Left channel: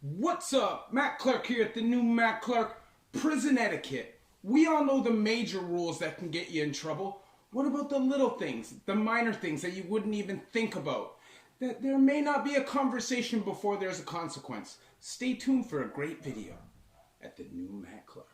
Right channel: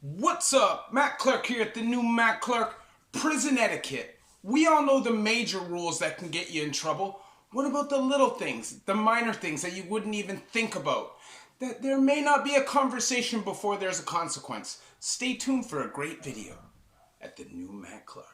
What's up? Matt Clark here at the new Matt Clark Prison Etiquette. We all know the major rules that can get you in trouble. What about the little things, the minor things that you wouldn't even think about? That there may not be a conversation before there's a consequence. Stay tuned for a great video at the new Matt Clark.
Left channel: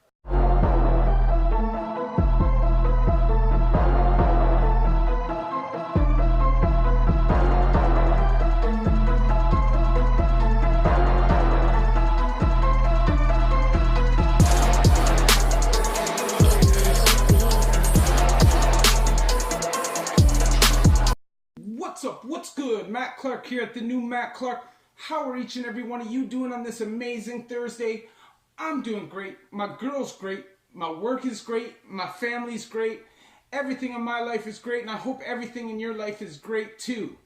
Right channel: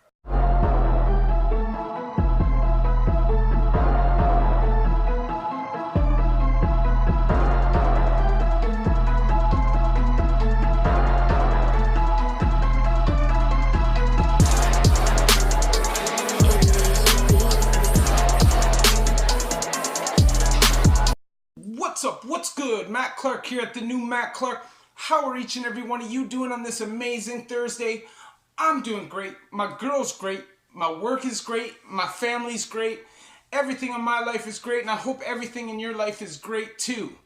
What's up? What's good? Matt Clark here at the new Matt Clark. How are each and every one of you doing on this amazing Thursday? I'm doing great. My girl's great. My work is great. My family's great. Everything in my life is great, and I hope everything in your life is great too.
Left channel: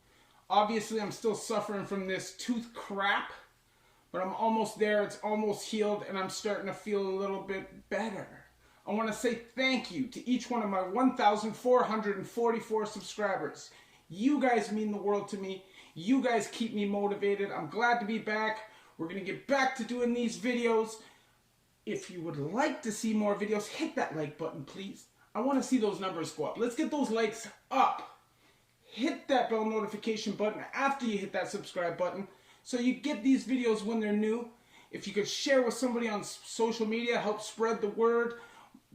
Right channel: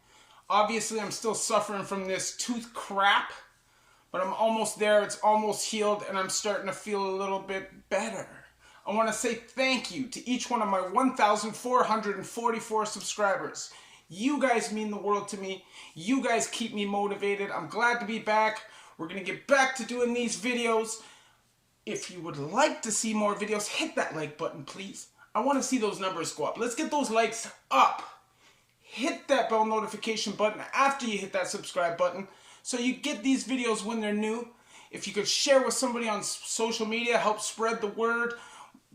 Obviously, I'm still suffering from this tooth crap, but I'm almost there. It's almost healed, and I'm starting to feel a little bit better. I want to say thank you to each one of my 1,444 subscribers. You guys mean the world to me. You guys keep me motivated. I'm glad to be back. We're going to get back to doing these videos. If you would like to see more videos, hit that like button, please. I want to see those numbers go up. Let's get those likes up. Hit that bell notification button after you hit that subscribe button so you get these videos when they're new. If you could share with somebody on social media, help spread the word.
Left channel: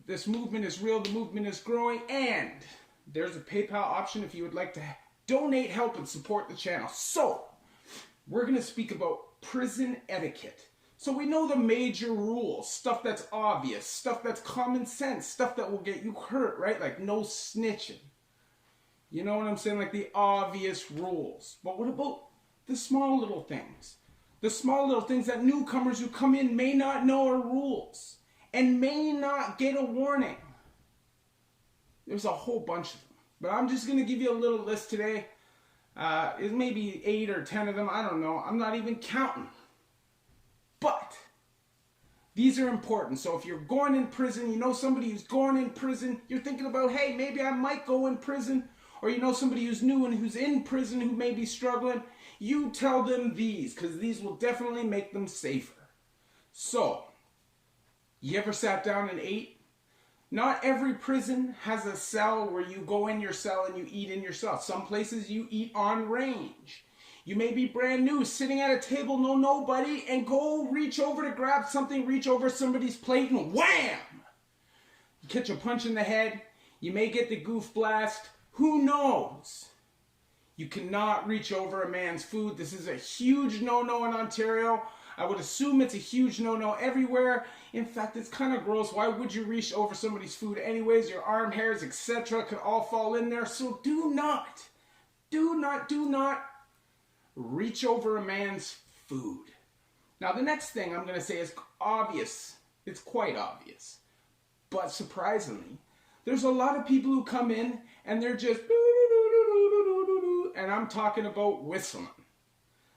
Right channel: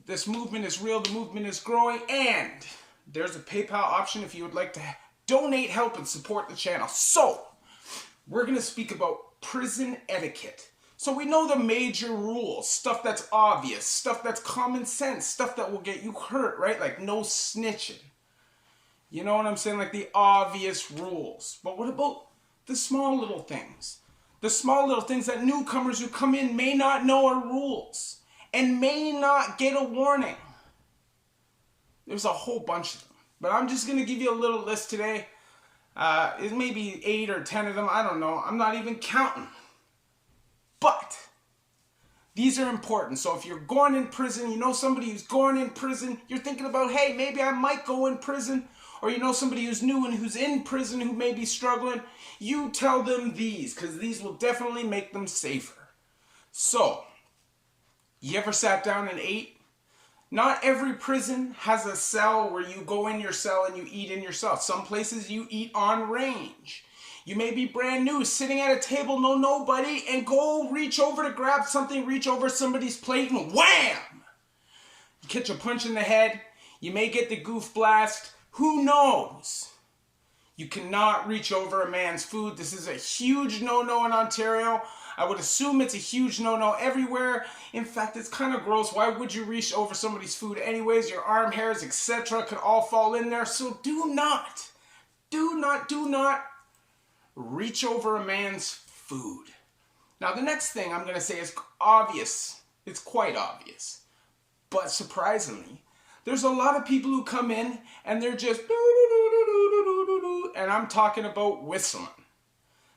This movement is real. The movement is growing. And there's a PayPal option if you would like to donate, help, and support the channel. So, we're going to speak about prison etiquette. So we know the major rules, stuff that's obvious, stuff that's common sense, stuff that will get you hurt, right? Like no snitching. You know what I'm saying? Like the obvious rules. But what about the small little things? The small little things that newcomers who come in may not know are rules and may not get a warning. There's a whole bunch of them. But I'm just going to give you a little list today. It's maybe 8 or 10 of them. I don't know. I'm not even counting. But these are important. So if you're going in prison, you know somebody who's going in prison, you're thinking about, hey, maybe I might go in prison. Or you know somebody who's new and who's in prison who may be struggling. You tell them these, because these will definitely make them safer. So, you ever sat down and ate? Not every prison has a cell where you go in your cell and you eat in your cell. Some places you eat on range. You may be brand new, sitting at a table, know nobody, and go reach over to grab something, reach over somebody's plate, and wham! You catch a punch in the head. You may get the goof blast. Who knows? You cannot reach over a man's food. This is a huge no-no in Ontario. I would assume it's a huge no-no everywhere. In fact, it's kind of gross. Why would you reach over somebody's food anyways? Your arm hairs, etc. could all fall in there. So do not reach over a man's food. Now, the next thing I'm going to say is obvious. It's quite obvious. But surprisingly, there's a lot of people who come in and they're just and I'm talking about whistling.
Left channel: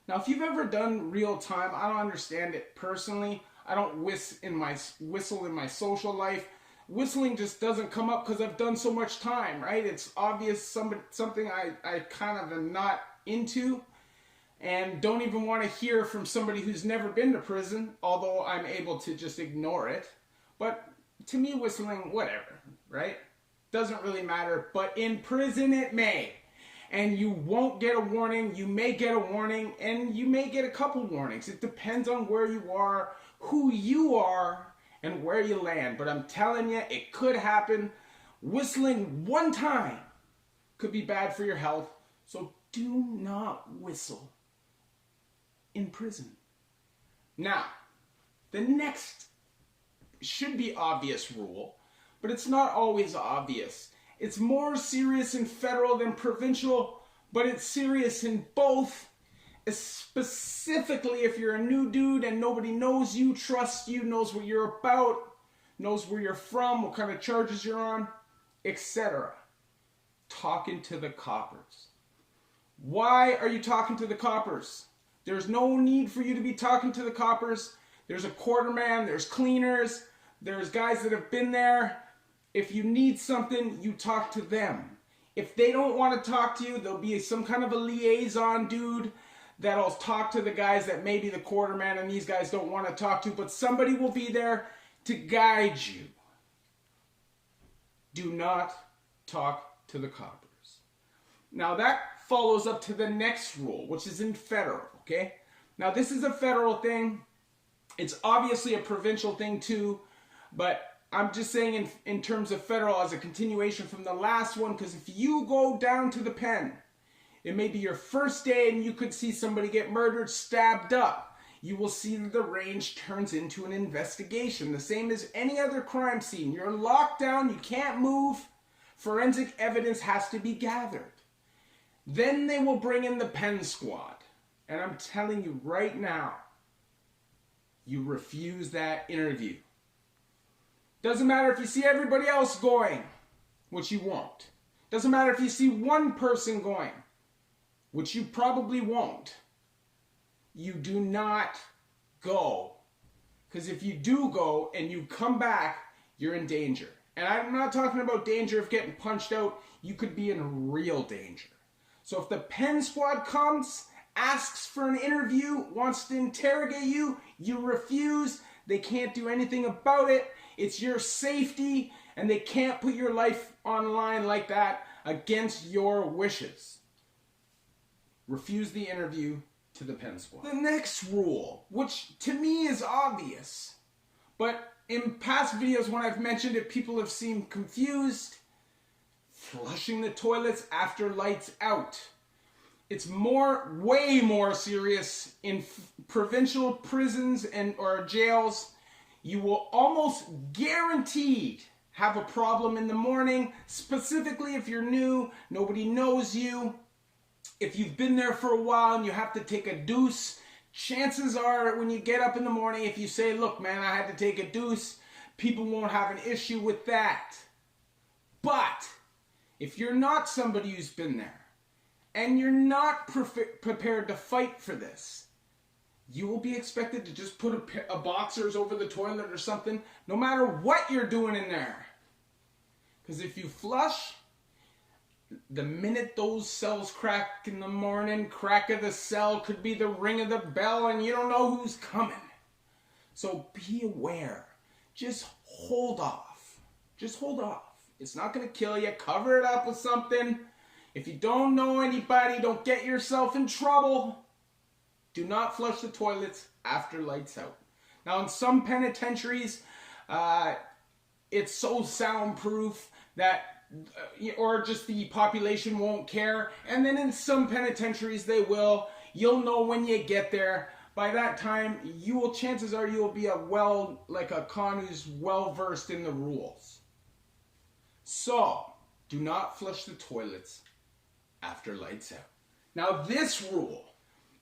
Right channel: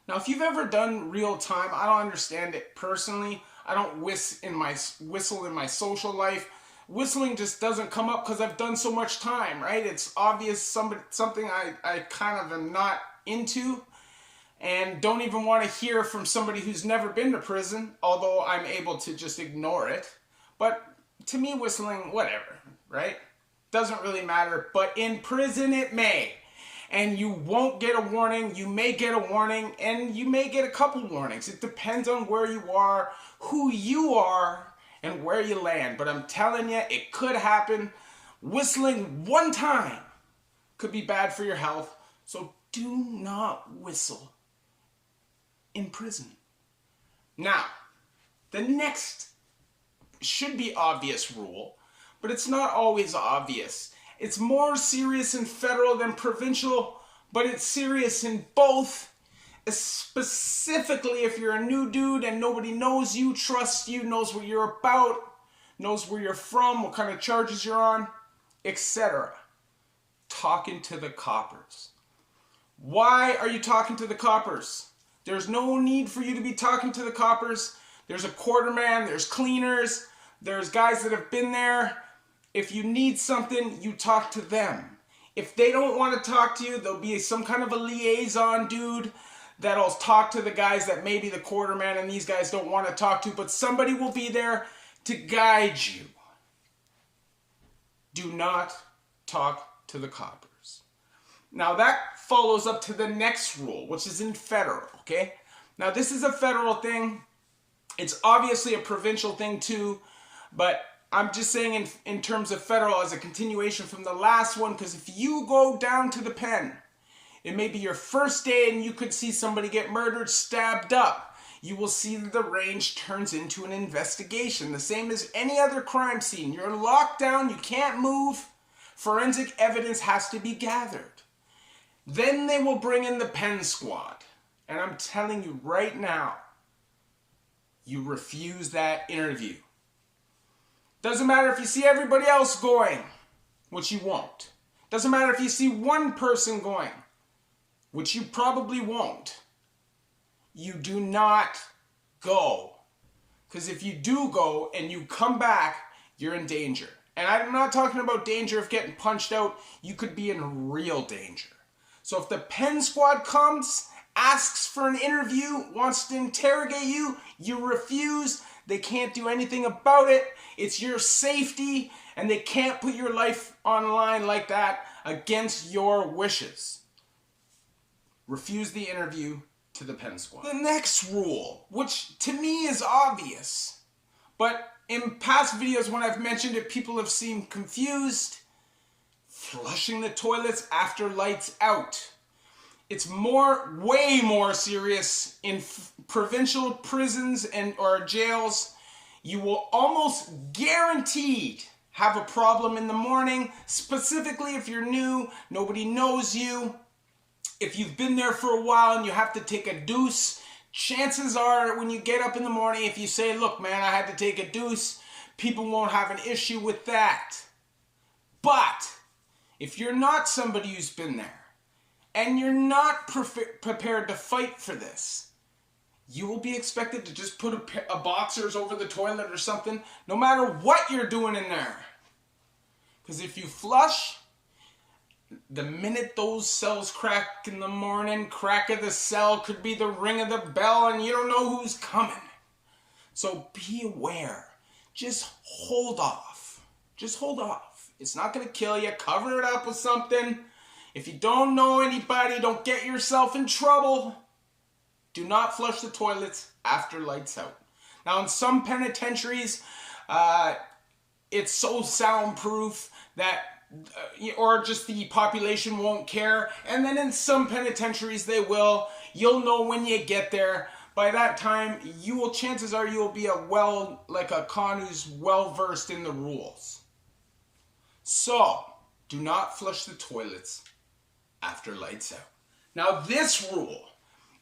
Now, if you've ever done real time, I don't understand it personally. I don't whistle in my social life. Whistling just doesn't come up because I've done so much time, right? It's obvious something I kind of am not into and don't even want to hear from somebody who's never been to prison, although I'm able to just ignore it. But to me, whistling, whatever, right? Doesn't really matter, but in prison it may. And you won't get a warning, you may get a warning, and you may get a couple warnings. It depends on where you are, who you are, and where you land. But I'm telling you, it could happen. Whistling one time could be bad for your health. So do not whistle in prison. Now, the next should be obvious rule, but it's not always obvious. It's more serious in federal than provincial, but it's serious in both. Specifically if you're a new dude and nobody knows you, trusts you, knows what you're about, knows where you're from, what kind of charges you're on, etc. Talking to the coppers. Why are you talking to the coppers? There's no need for you to be talking to the coppers. There's a quarterman, there's cleaners, there's guys that have been there. If you need something, you talk to them. If they don't want to talk to you, there'll be some kind of a liaison dude that'll talk to the guys that maybe the quarterman and these guys don't want to talk to, but somebody will be there to guide you. Do not talk to the coppers. Now that follows up to the next rule, which is in federal, okay? Now this is a federal thing. It's obviously a provincial thing too, but I'm just saying in terms of federal as a continuation from the last one, because if you go down to the pen, it may be your first day and you could see somebody get murdered, stabbed up. You will see that the range turns into an investigation, the same as any other crime scene. You're locked down, you can't move. Forensic evidence has to be gathered. Then they will bring in the pen squad. And I'm telling you right now, you refuse that interview. Doesn't matter if you see everybody else going, which you won't. Doesn't matter if you see one person going, which you probably won't. You do not go. Because if you do go and you come back, you're in danger. And I'm not talking about danger of getting punched out. You could be in real danger. So if the pen squad comes, asks for an interview, wants to interrogate you, you refuse. They can't do anything about it. It's your safety, and they can't put your life online like that against your wishes. Refuse the interview to the pen squad. The next rule, which to me is obvious, but in past videos when I've mentioned it, people have seemed confused. Flushing the toilets after lights out. It's way more serious in provincial prisons or jails. You will almost guaranteed have a problem in the morning, specifically if you're new, nobody knows you. If you've been there for a while and you have to take a deuce, chances are when you get up in the morning, if you say, look man, I had to take a deuce, people won't have an issue with that. But if you're not somebody who's been there, and you're not prepared to fight for this, you will be expected to just put a boxers over the toilet or something, no matter what you're doing in there. Because if you flush, the minute those cells crack in the morning, crack of the cell could be the ring of the bell and you don't know who's coming. So be aware. Just hold off. Just hold off. It's not going to kill you. Cover it up with something. If you don't know anybody, don't get yourself in trouble. Do not flush the toilets after lights out. Now, in some penitentiaries, it's so soundproof that, or just the population won't care. And then in some penitentiaries, they will. You'll know when you get there. By that time, chances are you will be like a con who's well-versed in the rules. So, do not flush the toilets after lights out. Now this rule,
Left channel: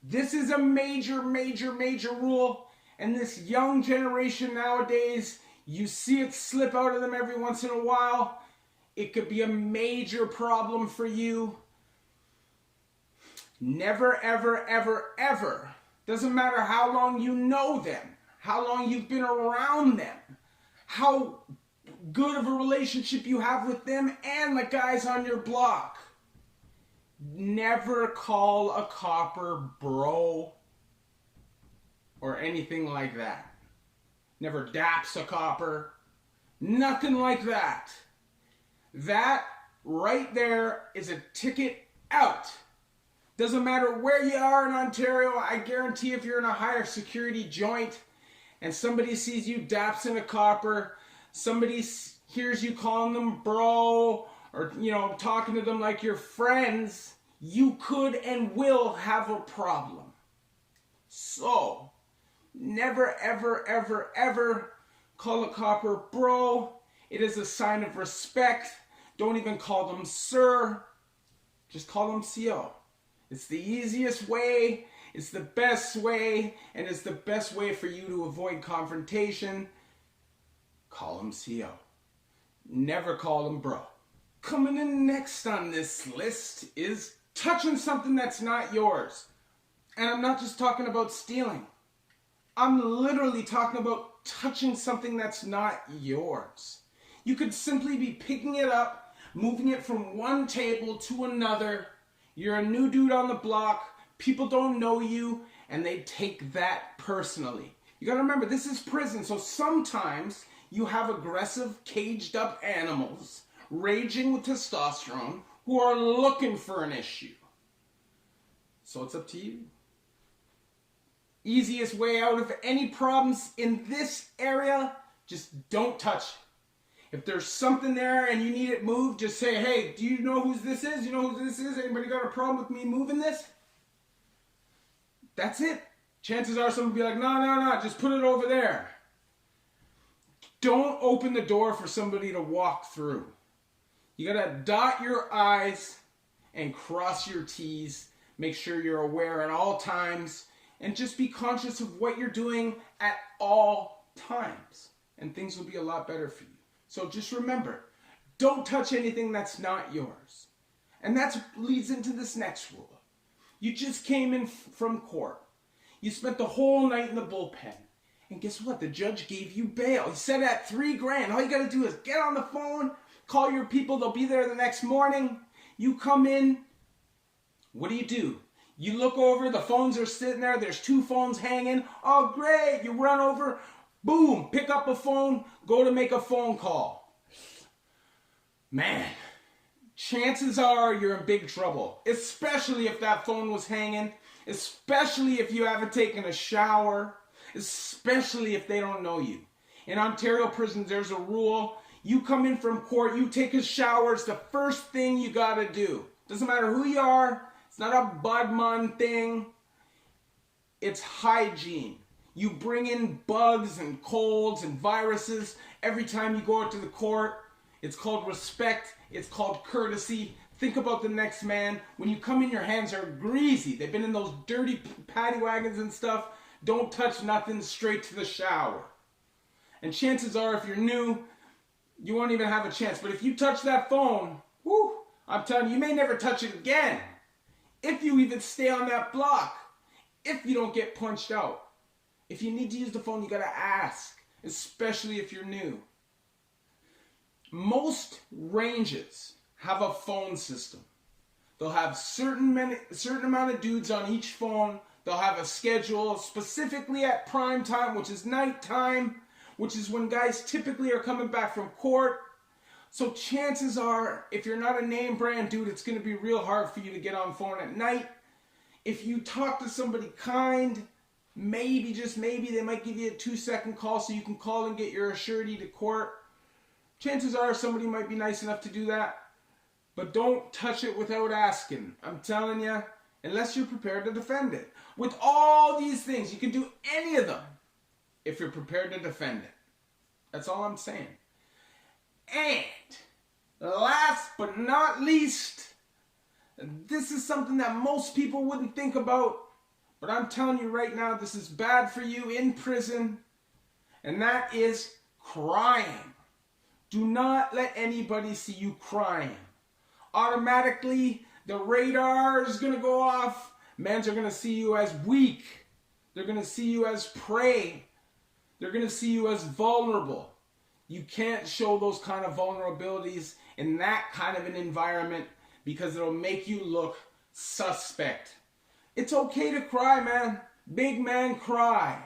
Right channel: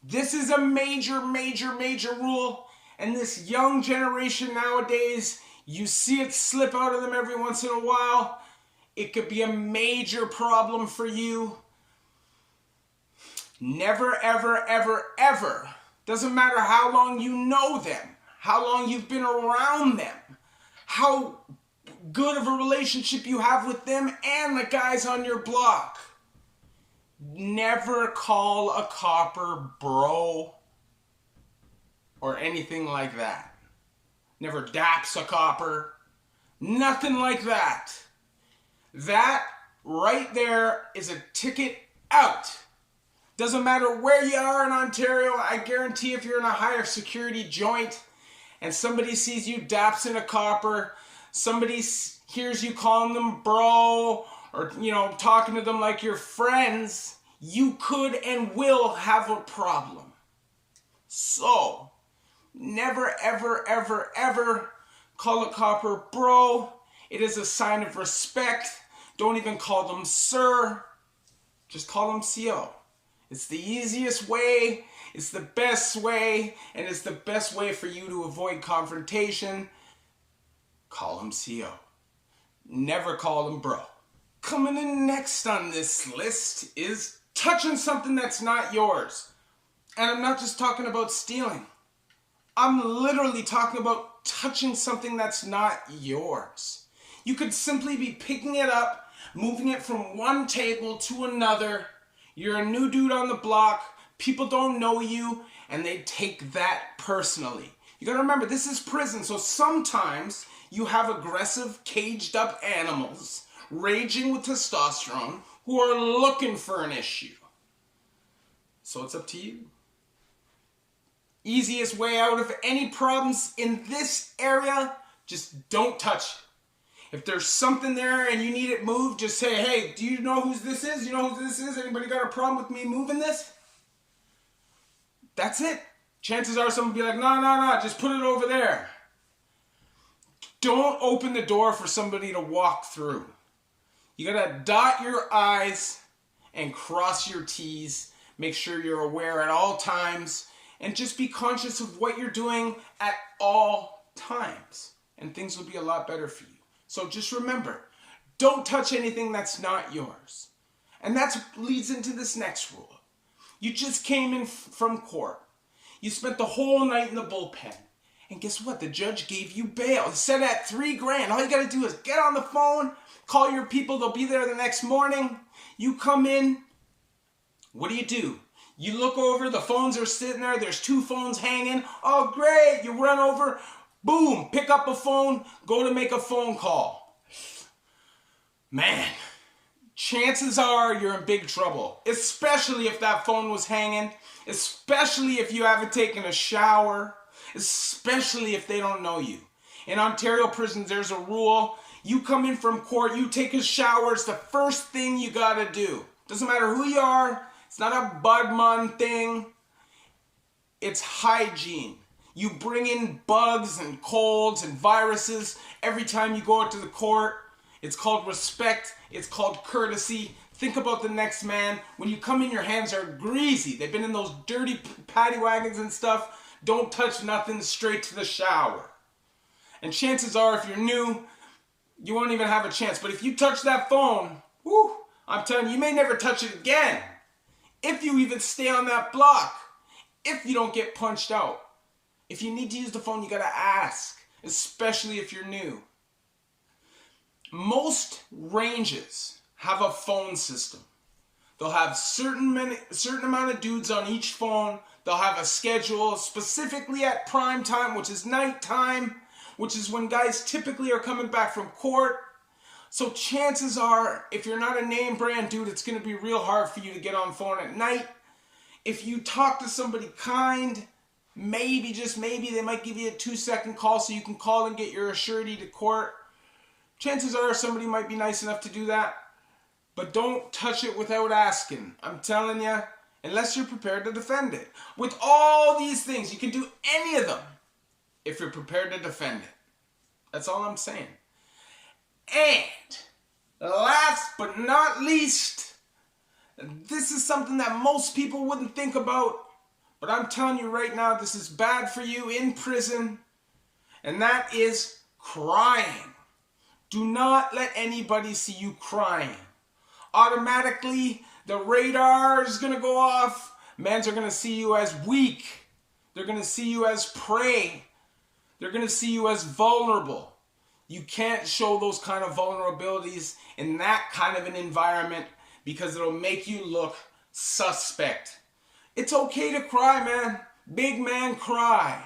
this is a major rule, and this young generation nowadays, you see it slip out of them every once in a while. It could be a major problem for you. Never, ever, doesn't matter how long you know them, how long you've been around them, how good of a relationship you have with them and the guys on your block. Never call a copper bro or anything like that. Never daps a copper. Nothing like that. That right there is a ticket out. Doesn't matter where you are in Ontario. I guarantee if you're in a higher security joint and somebody sees you dapsing a copper, somebody hears you calling them bro, or, talking to them like you're friends, you could and will have a problem. So, never, ever call a copper bro. It is a sign of respect. Don't even call them sir. Just call them CO. It's the easiest way, it's the best way, and it's the best way for you to avoid confrontation. Call them CO. Never call them bro. Coming in next on this list is touching something that's not yours. And I'm not just talking about stealing. I'm literally talking about touching something that's not yours. You could simply be picking it up, moving it from one table to another. You're a new dude on the block. People don't know you and they take that personally. You gotta remember, this is prison, so sometimes you have aggressive, caged up animals raging with testosterone who are looking for an issue. So it's up to you. Easiest way out of any problems in this area, just don't touch it. If there's something there and you need it moved, just say, hey, do you know who this is? You know who this is? Anybody got a problem with me moving this? That's it. Chances are someone will be like, no, just put it over there. Don't open the door for somebody to walk through. You gotta dot your I's and cross your T's. Make sure you're aware at all times. And just be conscious of what you're doing at all times. And things will be a lot better for you. So just remember, don't touch anything that's not yours. And that leads into this next rule. You just came in from court. You spent the whole night in the bullpen. And guess what? The judge gave you bail. He said at $3,000. All you got to do is get on the phone, call your people. They'll be there the next morning. You come in. What do? You look over. The phones are sitting there. There's 2 phones hanging. Oh, great. You run over. Boom. Pick up a phone. Go to make a phone call. Man, chances are you're in big trouble. Especially if that phone was hanging. Especially if you haven't taken a shower. Especially if they don't know you. In Ontario prisons, there's a rule. You come in from court, you take a shower, it's the first thing you gotta do. Doesn't matter who you are, it's not a budman thing. It's hygiene. You bring in bugs and colds and viruses every time you go out to the court. It's called respect, it's called courtesy. Think about the next man. When you come in, your hands are greasy. They've been in those dirty paddy wagons and stuff. Don't touch nothing, straight to the shower. And chances are, if you're new, you won't even have a chance. But if you touch that phone, whoo, I'm telling you, you may never touch it again. If you even stay on that block. If you don't get punched out. If you need to use the phone, you gotta ask. Especially if you're new. Most ranges have a phone system. They'll have certain amount of dudes on each phone. They'll have a schedule specifically at prime time, which is nighttime, which is when guys typically are coming back from court. So chances are, if you're not a name brand dude, it's going to be real hard for you to get on phone at night. If you talk to somebody kind, maybe, just maybe, they might give you a 2-second call so you can call and get your surety to court. Chances are somebody might be nice enough to do that. But don't touch it without asking. I'm telling you. Unless you're prepared to defend it. With all these things, you can do any of them if you're prepared to defend it. That's all I'm saying. And last but not least, this is something that most people wouldn't think about, but I'm telling you right now, this is bad for you in prison, and that is crying. Do not let anybody see you crying. Automatically, the radar is going to go off. Mans are going to see you as weak. They're going to see you as prey. They're going to see you as vulnerable. You can't show those kind of vulnerabilities in that kind of an environment because it'll make you look suspect. It's okay to cry, man. Big man cry.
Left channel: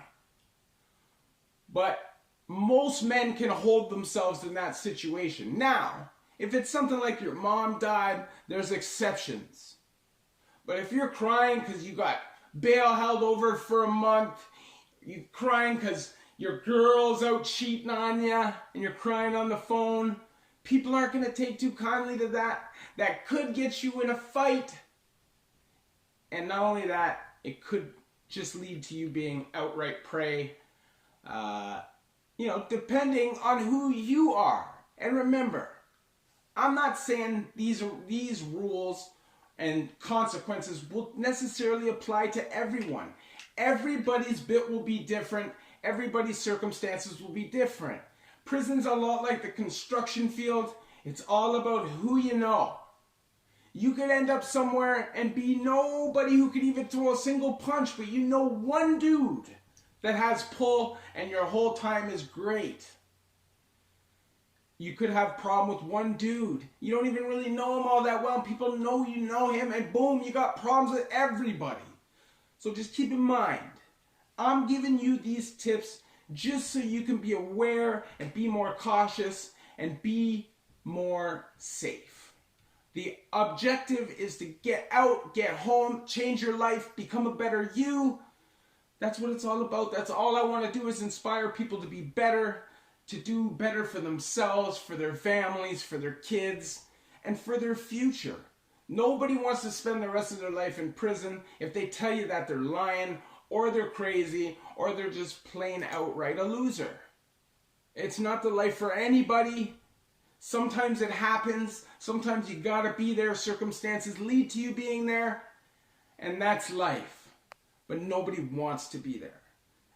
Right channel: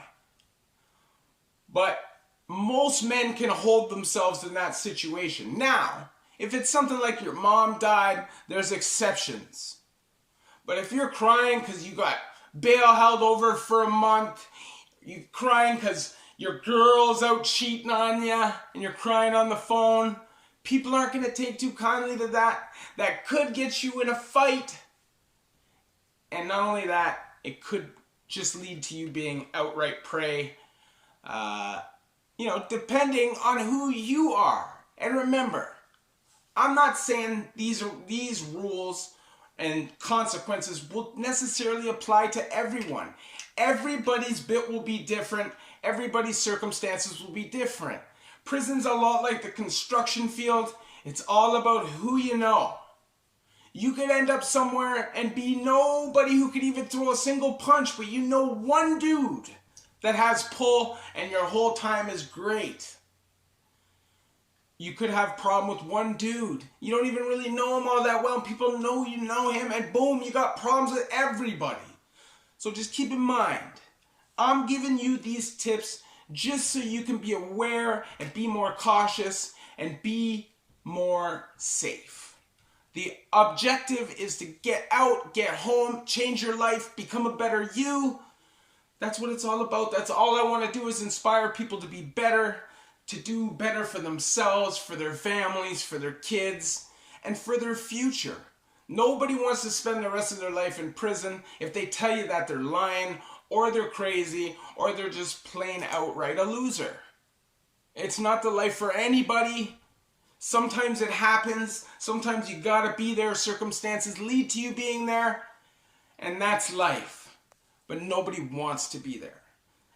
But most men can hold themselves in that situation. Now, if it's something like your mom died, there's exceptions. But if you're crying because you got bail held over for a month, you're crying because your girl's out cheating on you, and you're crying on the phone, people aren't going to take too kindly to that. That could get you in a fight. And not only that, it could just lead to you being outright prey. Depending on who you are. And remember, I'm not saying these rules and consequences will necessarily apply to everyone. Everybody's bit will be different. Everybody's circumstances will be different. Prison's a lot like the construction field. It's all about who you know. You could end up somewhere and be nobody who could even throw a single punch, but you know one dude that has pull and your whole time is great. You could have a problem with one dude. You don't even really know him all that well, and people know you know him, and boom, you got problems with everybody. So just keep in mind, I'm giving you these tips just so you can be aware and be more cautious and be more safe. The objective is to get out, get home, change your life, become a better you. That's what it's all about. That's all I want to do, is inspire people to be better, to do better for themselves, for their families, for their kids, and for their future. Nobody wants to spend the rest of their life in prison. If they tell you that, they're lying, or they're crazy, or they're just plain outright a loser. It's not the life for anybody. Sometimes it happens. Sometimes you gotta be there. Circumstances lead to you being there. And that's life. But nobody wants to be there.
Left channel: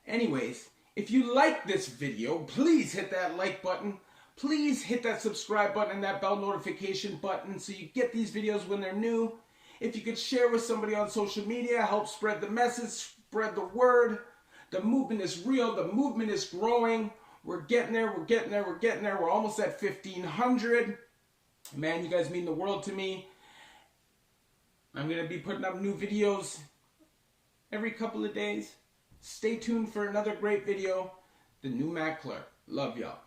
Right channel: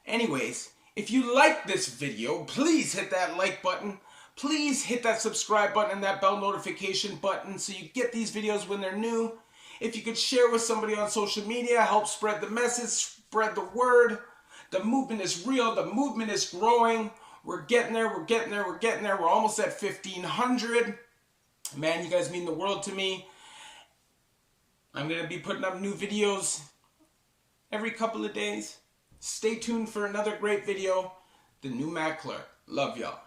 Anyways, if you like this video, please hit that like button. Please hit that subscribe button and that bell notification button so you get these videos when they're new. If you could share with somebody on social media, help spread the message, spread the word. The movement is real. The movement is growing. We're getting there. We're getting there. We're getting there. We're almost at 1,500. Man, you guys mean the world to me. I'm going to be putting up new videos every couple of days. Stay tuned for another great video. The new Matt Clerk. Love y'all.